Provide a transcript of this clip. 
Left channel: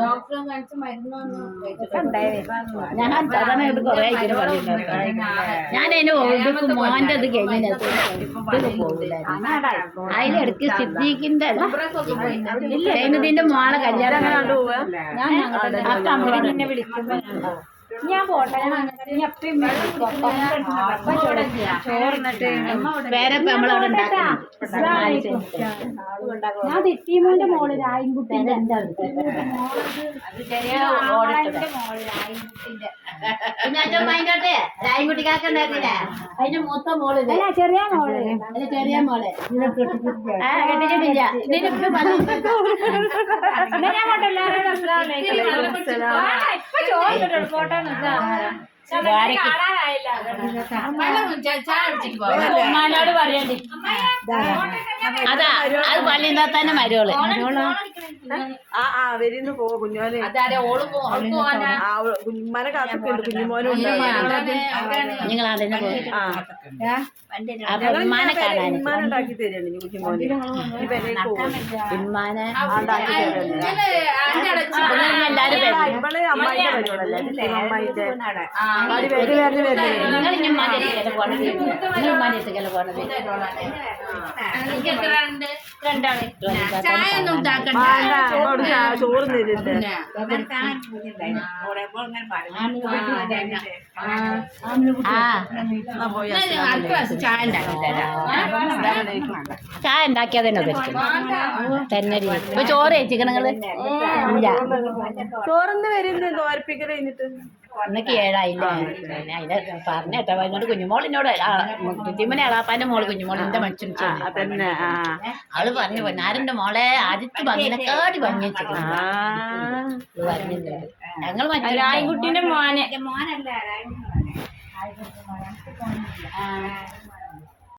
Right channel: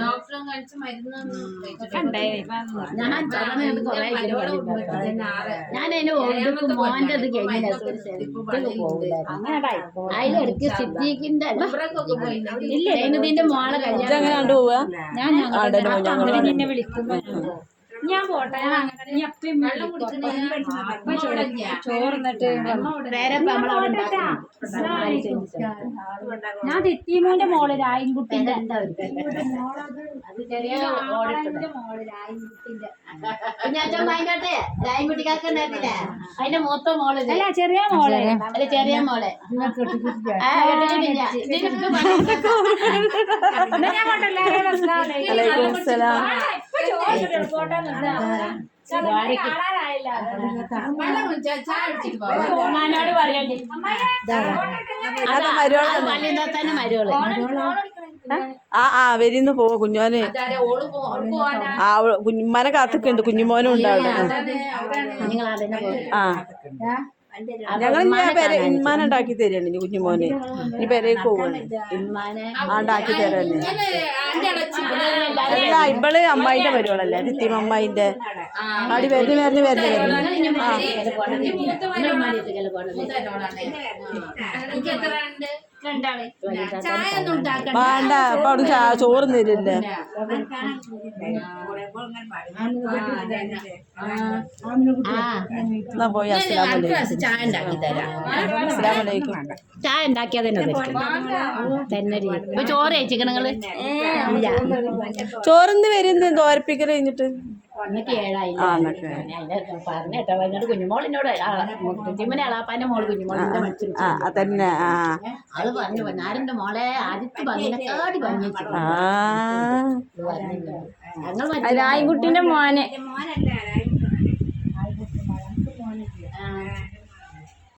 ഡോക്ടറും കഴിച്ച് മരുന്നൊന്നും ഞാൻ ചതനത് കൊറേ ഞാനതിന് മോൻ്റെ അത് കഴിഞ്ഞ പോകില്ലായിരുന്നു അതിലെടുക്ക് സിദ്ദീഖിന്റെ ഇതിന്റെ മോളെ കല്യാണം അങ്ങനെ കൊണ്ടുപോവുക. ഞാൻ നിന്നെ വിളിക്കുമ്പോ ഞാൻ പോട്ടെ ചോറിന്നിട്ട് പേരപ്പ നമ്മളവിടെ ഉണ്ടാക്കാം. ഞാൻ തെറ്റീമോന്റെ മോള് രായൻകുട്ടിന്റെ രായൻകുട്ടിക്കാക്കണ്ടായിരുന്നില്ലേ അതിന്റെ മൂത്ത മോള് ചെറിയ മോള് അല്ല ചെറിയ മോള് കെട്ടിച്ചിട്ടില്ല. ഉമ്മാനോട് പറയണ്ടി അതാ അത് പള്ളിയിൽ തന്നെ മരുവോള് വരുന്നു പോ കുഞ്ഞോനെ കുഞ്ഞുമാനെ കാത്തിക്കുണ്ട്. കുഞ്ഞുമോനും ഉണ്ടാവും. നിങ്ങൾ അതിനെ ഉമ്മാനുണ്ടാക്കി തരാണ് ഇനി കുഞ്ഞുമോന്. ഇനി പെരേക്ക് പോകും. ഉണ്ടാക്കി തരാണ്. ഇവള് അമ്മായിന്റെ പരിപാടല്ലേ തിത്തിമ അമ്മായിന്റെ അടി വരുന്ന ചോറ് തരില്ല. ചായ ഉണ്ടാക്കിയതന്നെ തന്നെ ചോറ് കഴിച്ചിക്കണ നിങ്ങള് ചോറിന്ന് വരുന്ന തോരപ്പിക്കൽ കഴിഞ്ഞിട്ട് അന്നൊക്കെ ഏഴായില്ലേ അതിനെ പറഞ്ഞേട്ടോ എന്നോട് കുഞ്ഞുമോളിനോട് കുഞ്ഞുമോനെ അളാപ്പാന്റെ മോള് കുഞ്ഞുമോളിന്റെ മനുഷ്യൻ തന്നെ അവള് പറഞ്ഞു പൊന്നാരന്റെ മോളെ ആദ്യത്തെ ഭംഗിനെക്കാടി ഭംഗി ഞങ്ങൾ രായൻകുട്ടിന്റെ മോനെ